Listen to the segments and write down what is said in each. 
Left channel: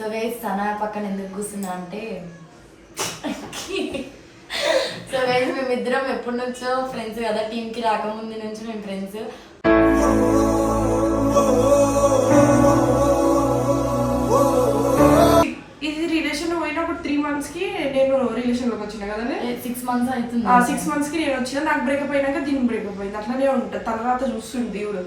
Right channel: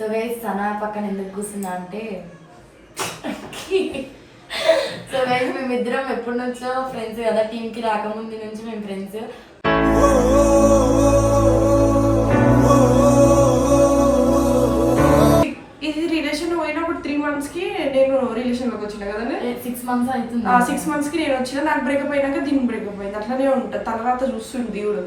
So guys Sana పక్కన ఎందుకు కూర్చున్నా అంటే సో గైస్ మేమిద్దరం ఎప్పటి నుంచో ఫ్రెండ్స్ కదా, టీంకి రాకముందు నుంచి మేము ఫ్రెండ్స్. ఇది రిలేషన్ పోయినప్పుడు 3 months కి నేను రిలేషన్ లోకి వచ్చిన కదండి. 6 months అవుతుంది. 6 months కి నేను వచ్చిన, నాకు బ్రేకప్ అయినాక దీనికి బ్రేకప్ అయింది. అట్లానే ఉంటుంది, తర్వాత చూస్తుంది దేవుడు.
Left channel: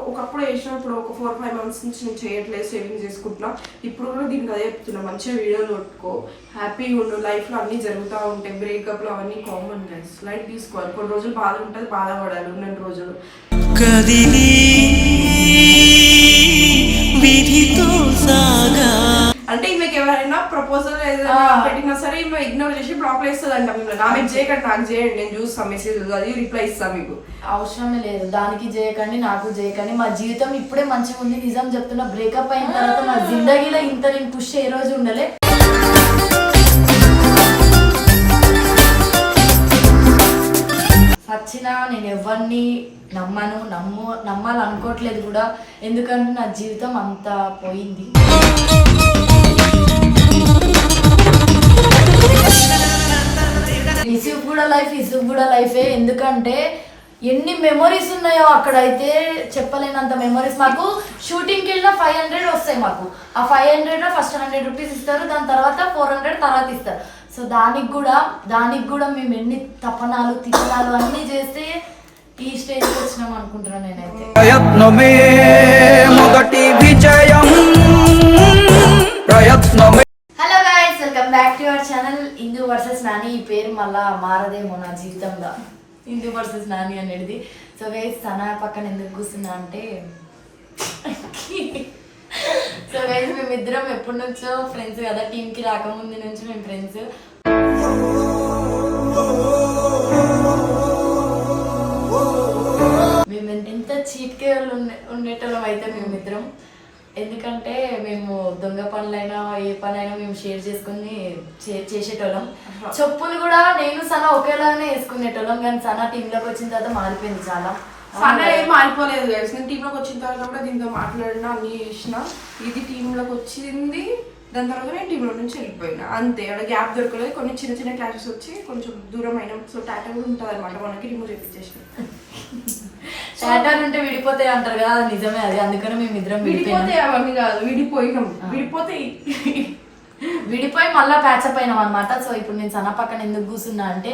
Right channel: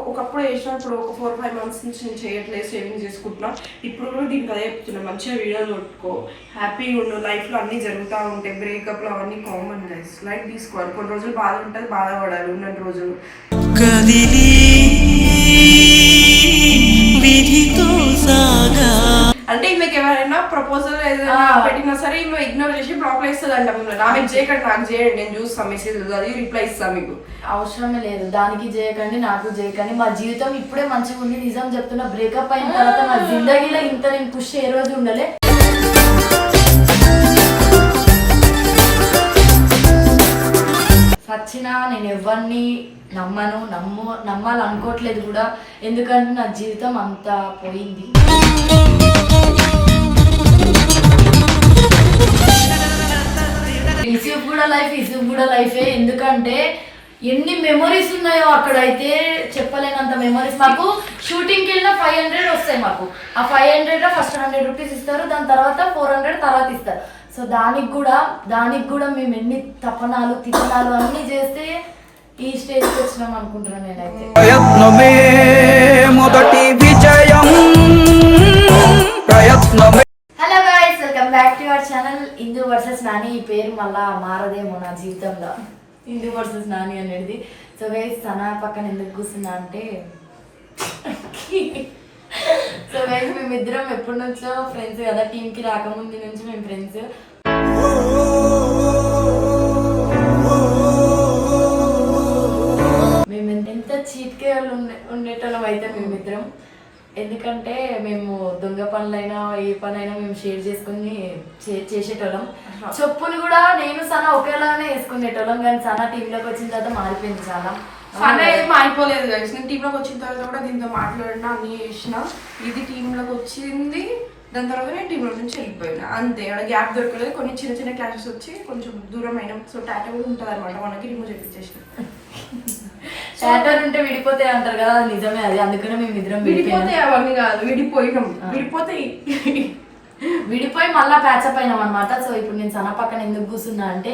ఒకప్పుడు వేసినప్పుడు ఒక 4-5 months నుంచి నేను చేయట్లేదు, సేవింగ్ చేసుకుంటున్నా. ఇప్పుడు కూడా దీనికి అదే చెప్తున్నా, మంచిగా వీడియోలు కొట్టుకో, హ్యాపీగా ఉండు, లైఫ్ లో అన్ని జరుగుతూ ఉంటాయి. బ్రేకప్ లో అవన్నీ కామన్ గైస్, లైట్ తీసుకోవాలి. కొన్ని రోజులు బాధ ఉంటుంది, బాధపడాలి ఉన్న రోజులు. అంటే ఈమెకి ఎవరైనా ప్రపోజల్ ఏదైనా పెట్టినా సరే ఈమె ఇగ్నోర్ చేసి బ్లాక్ వేస్తుంది అంట. ఆమెకు చేయకండి, నాకు చేయండి, నేను చూస్తాను మెసేజ్, అది రిప్లై ఇస్తాను. మీకు అవసరమే లేదు, దానికి చేయకండి, నాకు చేయకండి. మా జీవితం ఇప్పుడే మంచిగా ఉంది, నిజం చెప్తున్నా. బ్రేకప్ అయిన తర్వాత నా జిందగీలో ఇంత నేను పుష్ ఏ రోజు ఉండలే. సచ్చినా నేను ఎవరిని నమ్మాలనుకోవట్లేదు కూడా, ఎందుకంటే నా జీవితం అంతా పోయింది. ఇసుకు కూడా లైఫే. ఎందుకంటే ఎన్ని మెమొరీస్ ఉన్నాయో అక్కడైతే చెప్పలేనంత మెమొరీస్. మాకు షూటింగ్కి వెళ్ళిన 500 వస్తాయి మాకు. ఆ 500లో ఫస్ట్ 100 రూపీస్ ఇస్తారు, దాని తర్వాత 400 తర్వాత ఇస్తారు. సో దానికి కూడా మేము ఎన్ని తపనాలు తిప్పనాలు అన్ని చేస్తే ఈ స్టేజ్కి వచ్చినాం అనుకుంటున్నాను నేనైతే. Hello guys, welcome back to your channel Indu versus Nani. ఈ పేరు మళ్ళా మారదేమో నా జీవితంలో, ఇందు వర్సెస్ నాని అనేది. సో గైస్ సనా పక్కన ఎందుకు కూర్చున్నా అంటే సో గైస్ మేమిద్దరం ఎప్పటి నుంచో ఫ్రెండ్స్ కదా, టీంకి రాకముందు నుంచి మేము ఫ్రెండ్స్. మేము ఎంత చీట్కే ఉండేటోళ్ళం అయితే మేమిద్దరం. ఎందుకంటే మేము దొంగ పనులైనా ఏ పనైనా మేము షేర్ చేసుకుని చేసేటోళ్ళం. చెప్పులు కూడా నేను సనా ఒకేలానే వేసుకునేటోళ్ళం, కానీ సనా టీంలోకి వచ్చిన తర్వాత మారిపోయింది చాలా. సనా ఏం మారిపోలేదు గైస్, నేను టీంలోకి వచ్చిన తర్వాత కూడా దీంతో మాట్లాడినా, అన్ని చేసిన. ఇది టీంలోకి వచ్చింది, దాని తర్వాత నేను టీంలో నుంచి వెళ్ళిపోయినా అంతే. అక్కడ గ్యాప్ దొరకలేదు, కొన్ని చిన్న చిన్న క్లాషెస్ వచ్చి కొంచెం దూరం అయినా. సో టాటా కూడా ఉంటుంది అనమాట, మనకి రిమూవ్ చేయించేసిన. టాటా ఉంటే విడిపోతాయి అంటారు కదా, అది నిజమే. అది అందుకనే మేము ఇద్దరం విడిపోతాయి, అవన్నీ కాదు, విడిపోయినాం. విడిపోయి మళ్ళీ ప్యాచప్ అయినాం అనమాట. సో ఇప్పుడు నేను సనా పక్కన ఎందుకు కూర్చున్నా అంటే,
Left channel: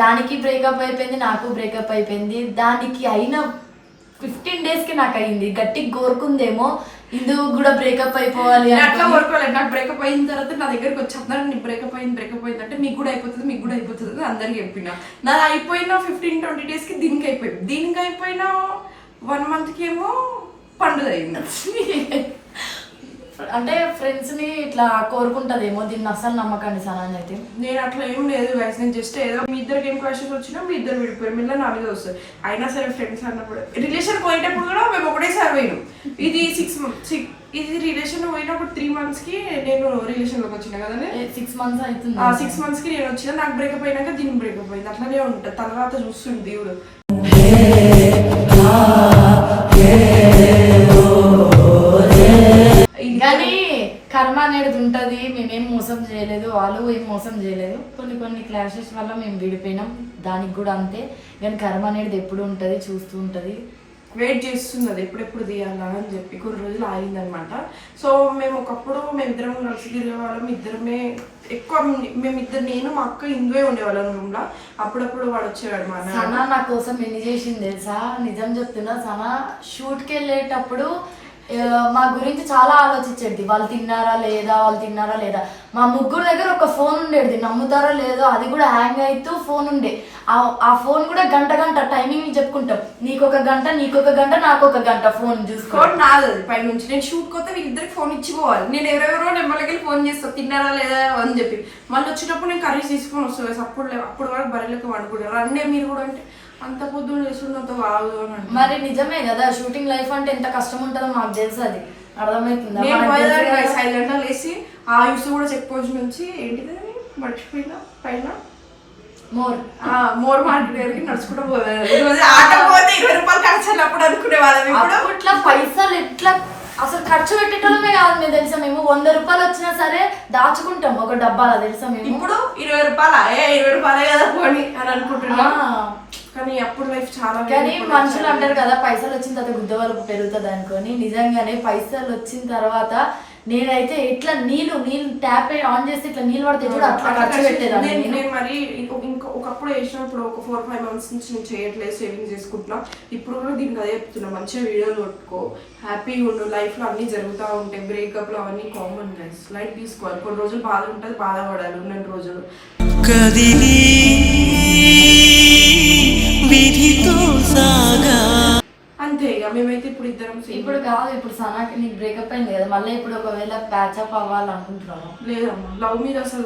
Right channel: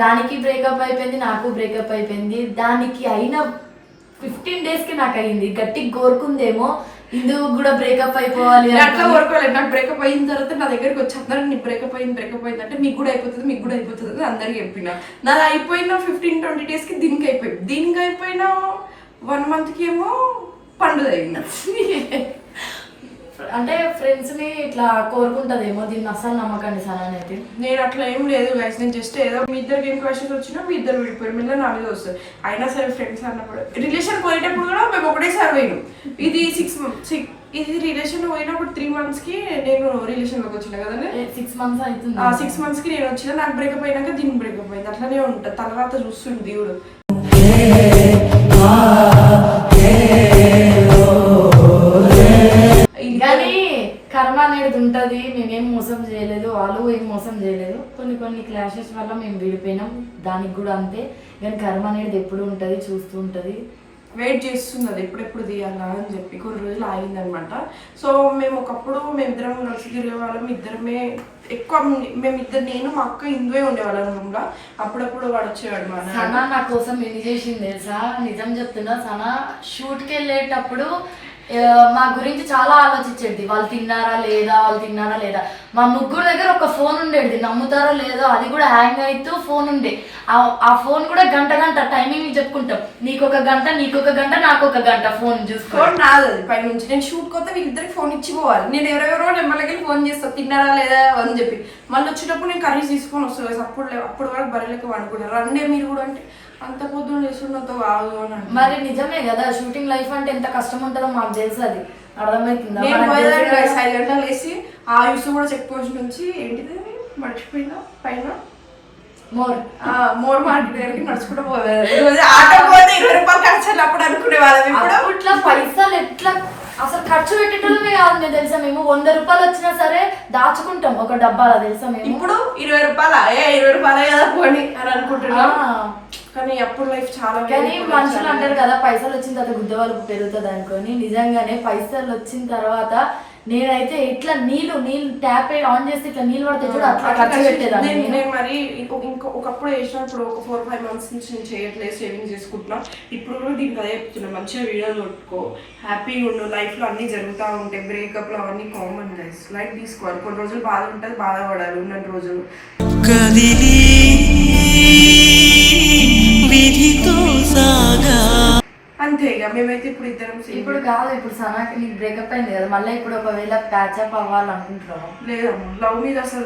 దానికి బ్రేకప్ అయిపోయింది, నాకు బ్రేకప్ అయిపోయింది. దానికి అయిన 15 daysకి నాకు అయింది. గట్టిగా కోరుకుందేమో ఇందుకు కూడా బ్రేకప్ అయిపోవాలి అట్లా కోరుకోలేదు. నాకు బ్రేకప్ అయిన తర్వాత నా దగ్గరికి వచ్చి అందరూ నీ బ్రేకప్ అయింది అంటే మీకు కూడా అయిపోతుంది అందరికి చెప్పిన. నాది అయిపోయిన 15-20 daysకి దీనికి అయిపోయిన 1 monthకి ఏమో పండుగ అయింది. అంటే ఫ్రెండ్స్ ని ఇట్లా కోరుకుంటదేమో, దీన్ని అసలు నమ్మకండి సనా అనేది. నేను అట్లా ఏం లేదు గైస్, నేను జస్ట్ ఏదో మీ ఇద్దరికి ఏం క్వశ్చన్స్ వచ్చినా మీ ఇద్దరు విడిపోయారు, మిల్ల నా మీద వస్తుంది. అయినా సరే ఫ్రెండ్స్ అన్నప్పుడు, రిలేషన్ పోయేటప్పుడు కూడా మేము ఒకటేసారి పోయినాం. ఇది 6 months, ఇది రిలేషన్ పోయినప్పుడు 3 monthsకి నేను రిలేషన్ లోకి వచ్చిన కదండి. 6 months అవుతుంది. 6 monthsకి నేను వచ్చిన, నాకు బ్రేకప్ అయినాక దీనికి బ్రేకప్ అయింది. అట్లానే ఉంటుంది, తర్వాత చూస్తుంది దేవుడు. కానీ కర్మ అనేది ఉంటది. మేమేం మోసం చేయలేదు, వాళ్ళు ఏం మోసం చేయలేదు. కొన్ని క్లాషెస్ వల్ల మేము విడిపోయినాం, దానికి కూడా అంతే. కానీ కర్మ అనేది ఎప్పుడు ఉంటది, చూస్తూ ఉంటది, వెయిట్ చేస్తుంది అది ఎప్పుడెప్పుడు తీయాలా అని చెప్పి. కొన్ని రోజులు ఆగిందనమాట. సో ఒకప్పుడు మేమిద్దరం కలిసి తిరిగే వాళ్ళం, ఇద్దరమే ఎక్కువ. నేను మా అక్క ఇందువే ఉండేవాళ్ళం రూమ్లో. అప్పుడప్పుడు వాడు వచ్చేవాడు. మా సనా నా కోసం ఎన్ని చేసింది తెలుసా, నిజం చెప్తున్నా. సనా షూట్కి వెళ్ళేటప్పుడు మా గురించి చాలా ఆలోచించేది. వాళ్ళు తిన్నారా లేదా. మా ముగ్గురు దగ్గర ఒక ఫోన్ ఉండేది, నమ్ముతారో లేదో. అది కూడా హ్యాంగ్ అవుతూ ఫోన్ ఉండే. ఆ ఫోన్ కూడా గంట టైమింగ్ చెప్పుకుంటాం. నీకొక గంట, నాకొక గంట ఫోన్ చూసుకోవడం నాది. అది పై నుంచి నేను షూట్ కొత్త వీళ్ళిద్దరికి ఫోన్ ఇచ్చిపోవాలి. నేను ఎవరెవరో నెంబర్లకి ఫోన్ చేస్తాను, తిన్నారా లేదా అని చెప్పి. మళ్ళీ వచ్చినప్పుడు నేను కర్రీస్ తీసుకొని వస్తాను. అప్పుడు వరకు బర్రెలకి వండుకుంటారు. రండే మీరు కూడా అంటే అంత పొద్దున చేస్తున్నంత కాదు అని. మరి నిజమే కదా, షూటింగ్ లైఫ్ అంటే ఎంత కష్టం ఉంటుందో మాకు తెలుసు, అది అర్థమవుతుంది. నేను 5 గంటలు వేసి ఆ యూస్ కూడా చెక్ పోస్ట్ నుంచి ఏంటిది మర్చిపోయినా పైన మోర్ మార్కెట్ దగ్గరికి నడుచుకుంటూ పోయారు. ఆటో పోతే 20 రూపాయలు ఖర్చు అప్పుడు అనుకునే వాళ్ళం ఇప్పుడు అప్పట్లో పైసలు ఎట్లా అసలు ఖర్చు పెట్టేటోళ్ళమే కాదు మేము తెలుసా. మేము 100 రూపాయలు వచ్చినా సరే దాచుకుంటాం ఒక డబ్బాలో తెలుసా. మేము ఇప్పుడు 20 రూపాయలే కదా పోని అని అనుకుంటున్నాం. కానీ అప్పుడు లైఫ్ చాలా. కానీ మనుషులు అంటారు కదా పైసలు వచ్చిన తర్వాత గుద్ద వరకు పెరుగుతుంది అనుకొని, నిజంగానే పైసలు వచ్చిన తర్వాత నేనైతే ఇట్లా నీళ్ళు ట్యాప్ ఆన్ చేసి ఇట్లా నీళ్ళు పడితే కూడా అట్లా ఖర్చు పెట్టేదాన్ని. నేను మరి ఒకప్పుడు వేసినప్పుడు ఒక 4-5 months నుంచి నేను చేయట్లేదు, సేవింగ్ చేసుకుంటున్నా. ఇప్పుడు కూడా దీనికి అదే చెప్తున్నా, మంచిగా వీడియోలు కొట్టుకో, హ్యాపీగా ఉండు, లైఫ్ లో అన్ని జరుగుతూ ఉంటాయి. బ్రేకప్ లో అవన్నీ కామన్ గైస్, లైట్ తీసుకోవాలి. కొన్ని రోజులు బాధ ఉంటుంది, బాధపడాలి ఉన్నన్ని రోజులు. కదిలి విధితో సాగా అంతే. ఇక మేమైతే ఇప్పుడు ఇద్దరం ఇప్పుడు కాదు, ఇప్పుడు సనాకి నీకు బ్రేకప్ అయింది కదా, మళ్ళీ ఇప్పుడు ఒకవేళ ప్యాచప్ అవ్వాలనుకుంటున్నాను. లేదమ్మా, లవ్ మీద అసలు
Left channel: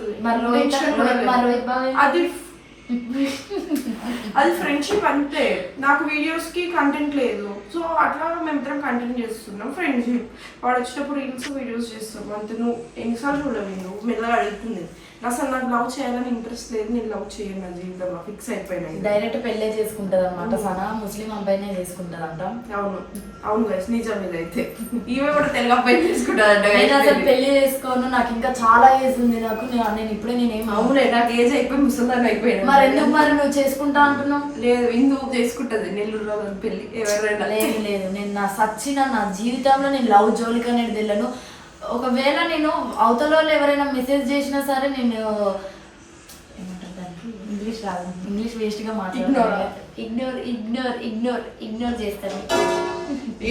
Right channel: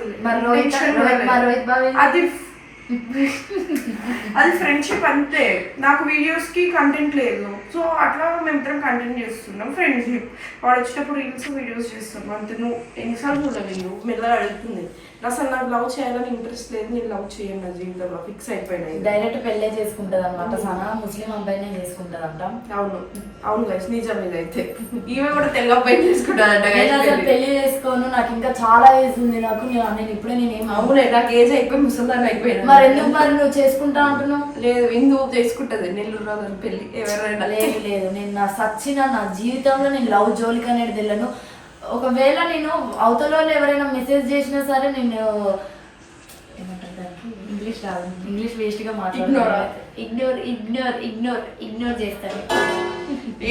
అది ఫ్రెండ్షిప్ అంతే. నాకు వీడియోస్ కి కంటెంట్ లేదు, సో అట్లా మేమిద్దరం కంటెంట్ చేస్తున్నాం ఫ్రెండ్షిప్. వాడు వచ్చేటప్పుడు రీల్స్ వీడియోస్ చేస్తున్నాం అంతే. నువ్వు ఎన్నిసార్లు చూడలేదు, నువ్వు మెల్లగా అడుగుతుంది. అసలు నాకు లవ్ చేయాలని ఇంట్రెస్ట్ లేదు, నేను లవ్ చేయను నా జీవితంలో, ఫిక్స్ అయిపోయినాయి. డైరెక్ట్ పెళ్ళే చేసుకుంటది అనమాట సనా, ముస్లిం అబ్బాయినే చేసుకుంటది అంట. అవును గైస్, నిజం ఇదైతే. ఈమె కూడా తెలుగు అబ్బాయి చేసుకుంటాదంట. పెళ్లి చేసుకోను, నాకు ఇంకా చాలా ఏజ్ ఉంది, నాకు నేను ఇప్పుడే నేనేం. అవునే, నాకు ఏజ్ అయిపోయి ముసలిదాన్ని అయిపోయినా. మరి ఎందుకు మరి నువ్వు చేసుకుంటా అంటున్నావు? లేదు, ఇందుకు చేసుకుంటది నెల్లూరు రాదు పెళ్లి ఎవరైనా. లేదు నేను నా సచ్చిన నా జీవితంలో నేను లవ్ జోలికి అనేది వెళ్ళను. ఒకవేళ నేను అవతల వాళ్ళు ఎవరైనా మెసేజ్ చేసినా సరే నేను ఏమంటారు దానికి, ఇంగ్లీష్ రాదు, ఇంగ్లీష్ వేస్ట్ గా మాట్లాడుతున్నాను. ఇగ్నోర్ చేస్తాను.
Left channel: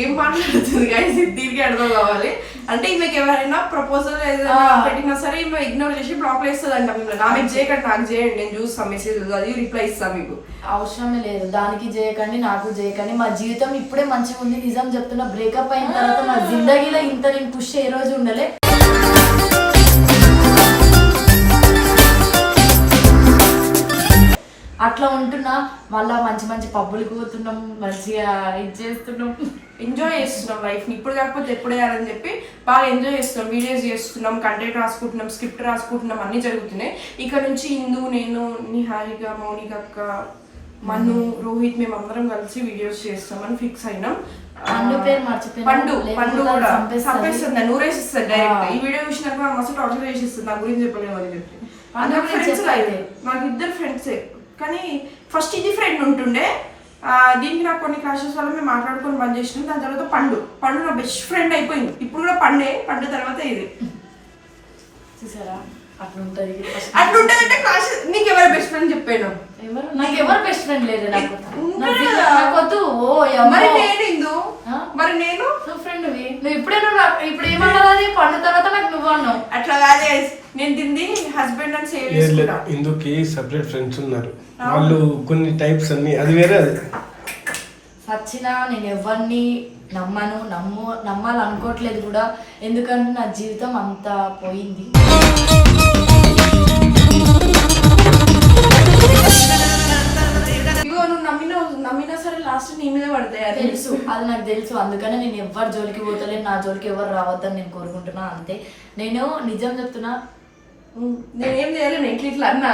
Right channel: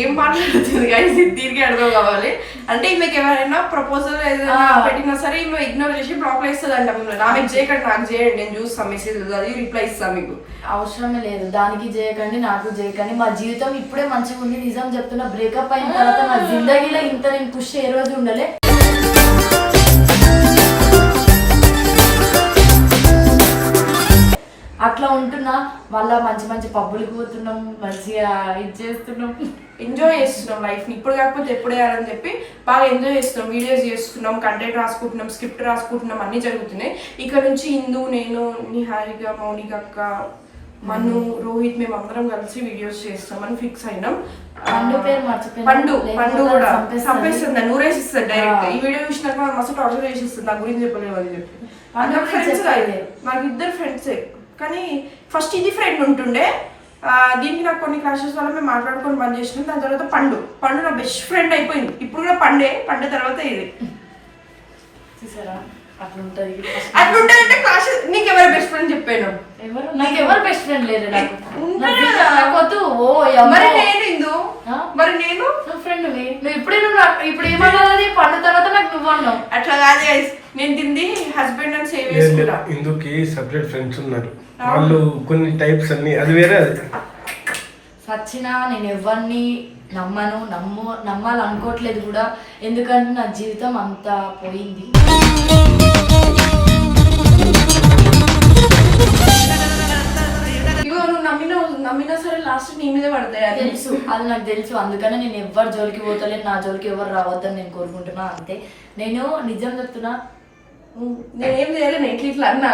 ఏం మాట్లాడుతుంది గైస్, దీనికి అర్థం కావాలి. అంటే ఈమెకి ఎవరైనా ప్రపోజల్ ఏదైనా పెట్టినా సరే ఈమె ఇగ్నోర్ చేసి బ్లాక్ వేస్తుంది అంట. ఆమెకు చేయకండి, నాకు చేయండి, నేను చూస్తాను మెసేజ్, అది రిప్లై ఇస్తాను. మీకు అవసరమే లేదు, దానికి చేయకండి, నాకు చేయకండి. మా జీవితం ఇప్పుడే మంచిగా ఉంది, నిజం చెప్తున్నా. బ్రేకప్ అయిన తర్వాత నా జిందగీలో ఇంత నేను ఖుషి ఏ రోజు ఉండలే. అట్లా ఉంటున్నా, మళ్ళా మంచి మంచి పబ్బులకు పోతున్నాం, మంచిగా ఇది చేస్తున్నాం, ఎంజాయ్ చేస్తున్నాం లైఫ్ని. ఇప్పుడు కాకపోతే ఎప్పుడు వేయాలని చెప్పి బాగా ఎంజాయ్ చేస్తున్నాం. వీడియోస్ చేస్తున్నాం, కంటెంట్ రాసుకుంటున్నాం, స్క్రిప్ట్ రాసుకుంటున్నాం, అన్నీ జరుగుతున్నాయి. ఇక్కడ నుంచి ఇందు, నేను, నిహారిక, మౌనిక అక్క, మను, రోహిత్, మేము అందరం కలిసి వీడియోస్ చేస్తామని ఫిక్స్ అయినాం. పండు కూడా చంపేస్తుంది, నూరేసిస్తుంది డైరెక్ట్. ఈ వీడియో చూసినాక మస్తు టార్చర్ చేసేస్తుంది, నా గురించి చెప్పలేము అని చెప్పి. అందరూ ఫ్రెండ్స్ అయితే నాకు ఇద్దరు ఫ్రెండ్సే, కానీ ఫస్ట్ ఇది ఫ్రెండ్ ఉంటుండే. దీనికి నాకు కొన్ని క్లాషెస్ వల్ల మేము మాట్లాడుకొని బంద్ చేసినాం. దాని తర్వాత పండు నా బెస్ట్ ఫ్రెండ్ అయిపోయింది. ఇప్పుడు కూడా పండు తర్వాత ఇది చూసారా అట్లుంటది. అట్లుంటదంటే క్లాషెస్. నీకు ఎవరు బెస్ట్ ఫ్రెండ్ చెప్పాను? నాకు ఎవరు బెస్ట్ ఫ్రెండ్ లేరు. మరి నేను ఫ్రెండ్ నువ్వు ఇప్పుడే ఇప్పుడు ఏమన్నావు? పండు తర్వాత నాకు నువ్వు అన్నావు. అట్లా కాదు, నేను తింది హస్బెండ్ అని సేవ్ చేసుకుంటా. ఇందుకి సెపరేట్ ఫ్రెండ్స్ ఉన్నారు, వాళ్ళు కొన్ని టైప్స్ అన్ని, అది వేరే. అది సచ్చినా నేను ఎవరిని నమ్మాలనుకోవట్లేదు కూడా, ఎందుకంటే నా జీవితం అంతా పోయింది. నమ్మినా సరే లాస్ట్ నీ మీద పడతాయి, తెలుసు, అది నాకు తెలుసు. అందుకనే నేను ఎవరి జోలికి పోతలేదు, నా జోలికి ఎవరు రావద్దని నేను కోరుకుంటున్నా అంతే. నేను నిజం చెప్తున్నా, నేనేం చేయలేను, ఇట్లా అన్నా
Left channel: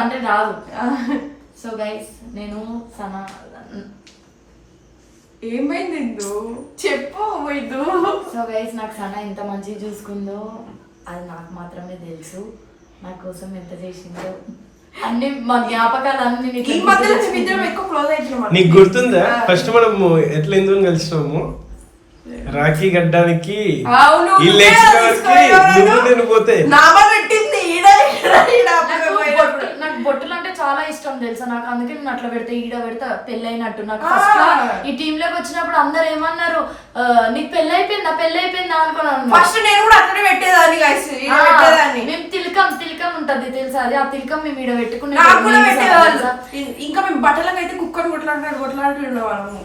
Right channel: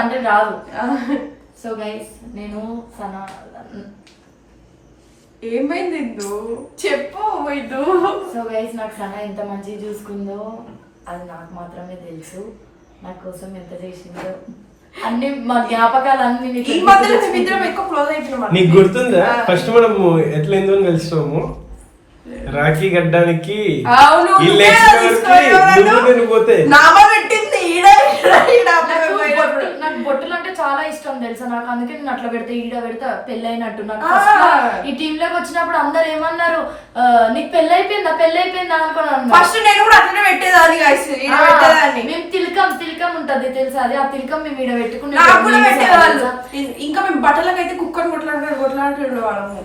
అంటే రాదు. సో గైస్, నేను సనా ఏమైంది చెప్పు. సో గైస్, నాకు సనా ఎంత మంచిగా చూసుకుందో అది నాకు మాత్రమే తెలుసు. నా కోసం ఎంత చేసిందో అన్ని మా జ్ఞాపకాలు అన్ని. నీకు గుర్తుందా ఫస్ట్ మనం ఎట్లా ఎందుకు కలిసినాము? రాఖీ గడ్డానికి నేను పోతే నాకు బొట్టులు అంటే చాలా ఇష్టం తెలుసా. నాకు అందుకే నేను అట్లా పెడతా, ఈడ పెడతా పెళ్ళైనట్టు. నాకు ఈ టీమ్ లోకి వచ్చినప్పుడు అందరు ఏమన్నారు, నీకు పెళ్ళైపోయిందా అనుకున్నాను. ఫస్ట్ నేను కూడా అట్లనే పెట్టేదాన్ని. మేము తిలకం ఉంటది తెలుసా, అది ఆ తిలకం మేము ఈడ పెట్టుకునే. ఇంకా మేము బట్టలకైతే కుక్కర్ కొట్లాడుతుండే వాళ్ళము.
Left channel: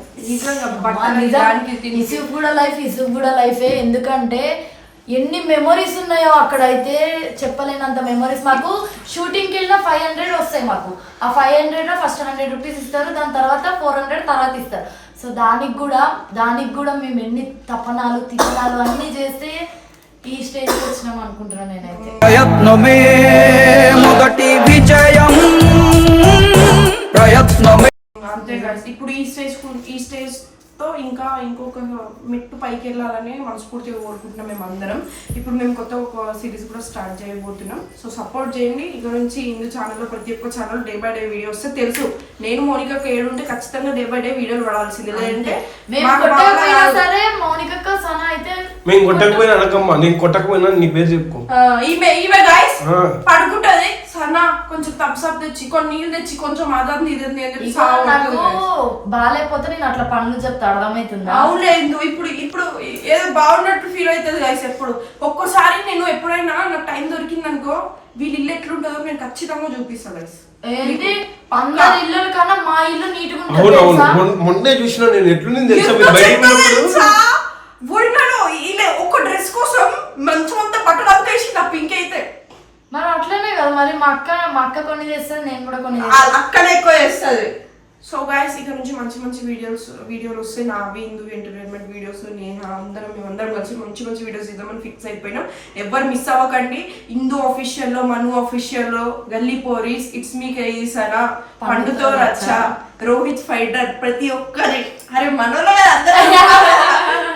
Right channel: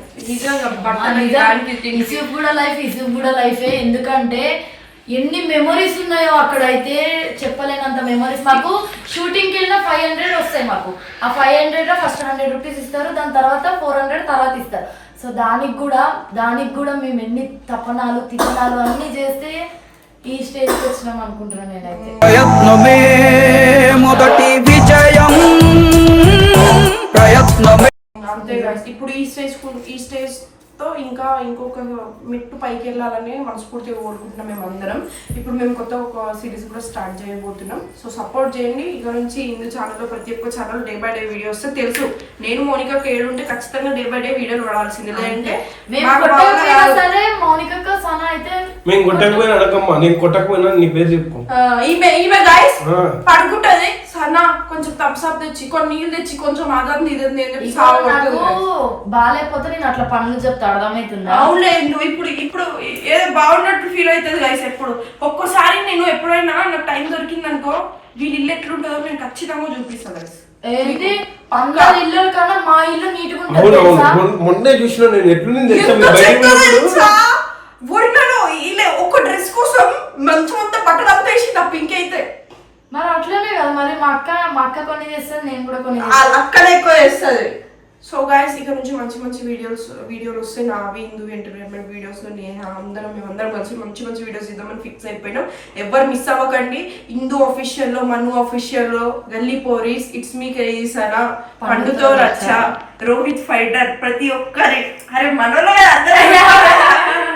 ఇసుకు కూడా లైఫే. ఎందుకంటే ఎన్ని మెమొరీస్ ఉన్నాయో అక్కడైతే చెప్పలేనంత మెమొరీస్. మాకు షూటింగ్కి వెళ్ళిన 500 వస్తాయి మాకు. ఆ 500 ఫస్ట్ 100 రూపీస్ ఇస్తారు, దాని తర్వాత 400 తర్వాత ఇస్తారు. సో దానికి కూడా మేము ఎన్ని తపనాలు తిప్పనాలు అన్ని చేస్తే ఈ స్టేజ్కి వచ్చినాం అనుకుంటున్నాను నేనైతే. ప్రయత్నమే మొదటి విజయం. అంతే guys. ఇప్పుడు ఈ స్టేజ్ తో ఇంకా ఇంకొక మెట్టు పైకి వెళ్ళాలని మనస్ఫూర్తిగా కోరుకుంటున్నాం మేము అందరం. ఇప్పుడు మేము కొత్త ఒక సిరీస్ కూడా స్టార్ట్ చేయబోతున్నాం. సో సపోర్ట్ చేయండి. ఇక నుంచి ఇందు ఛానల్లో ప్రతి ఒక్క channel day by day video వస్తే తెలుసు. నేను మౌనికకు ఏడుంటే ఖచ్చితంగా డే బై డే వీడియోలు పడాల్సిందే. లేదంటే మేము కొట్టకపోయినా అనకమ్మా, నేను కొట్టకపోయినా నీ పేరు చెప్పుకో. ఈమె గైస్ పడుకుంటది. సన్నా కొంచెం తప్సప్ తెచ్చి కొన్ని నీళ్ళు తెచ్చి కొంచెం అదంది ఇదంది అని చెప్పి బాగాలేకపోతే నేను అట్లా పనులు చెప్తా, అర్థమవుతుందా? అవునులే, ఇప్పుడు ఏదో బాగున్నట్టు ఫీల్ అవుతుంది గైస్. ఎప్పుడు ఒక్కోసారి నేను ఎప్పుడైనా నాకు టైం దొరికింది అనుకో, వీళ్ళు ఇల్లు ఎట్లుంటుందో నేను ఖచ్చితంగా చూపిస్తాను గైస్. ఏంటి అందరి ఇల్లు కన్నా మా ఇల్లు నీట్గా అవునవును, మొన్నే చూసిన నేను ఎట్లుంది తెలుసా మీరు బయటికి వెళ్ళినప్పుడు. ఒడినాను ఇలా ఒక డ్రెస్ కోసం మంచం అంతా బట్టలు అంతా వేసింది ఆ పింక్ అయితే. మరి అట్లనే కదా మరి మా అక్క కొన్ని చేస్తుంది, నేను కూడా కొన్ని అక్కడే ఎక్కువ చేస్తుంది. సో గైస్ ఇక నుంచి మంచి మంచి వీడియోలు వస్తే నావి హిందూ ఎంటర్టైన్మెంట్ వీడియోస్ మేమందరం కలిసి మంచి మంచి వీడియోస్ ఇద్దామని ఫిక్స్ అయిపోయినాం. ఎవరు మిస్ అవ్వకండి. హిందూ ఆఫీషియల్లో, మను ఆఫీషియల్లో, గల్లీ పోరీస్, ఇట్స్ మీ కేసనా, పండుతో రచ్చ, రోహిత్ ఫైటర్, ప్రతి ఒక్కరి మనలో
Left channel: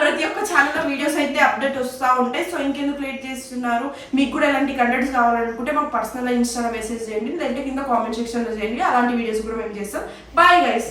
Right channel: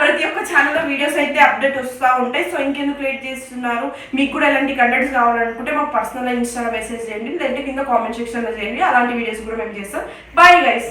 ప్రతి ఒక్క ఛానల్లో వీడియోస్ అయితే అప్డేట్ వస్తూ ఉంటాయి. సో ఇంకెందుకు లేట్ చేస్తున్నారు? మీకు కూడా ఎలాంటి కంటెంట్స్ కావాలనుకుంటే మాకు పర్సనల్ ఇన్స్టాలో మెసేజ్ చేయండి, లేదంటే కింద కామెంట్ సెక్షన్లో చేయండి. అలాంటి వీడియోస్ కూడా మేము చేస్తాం. Bye guys.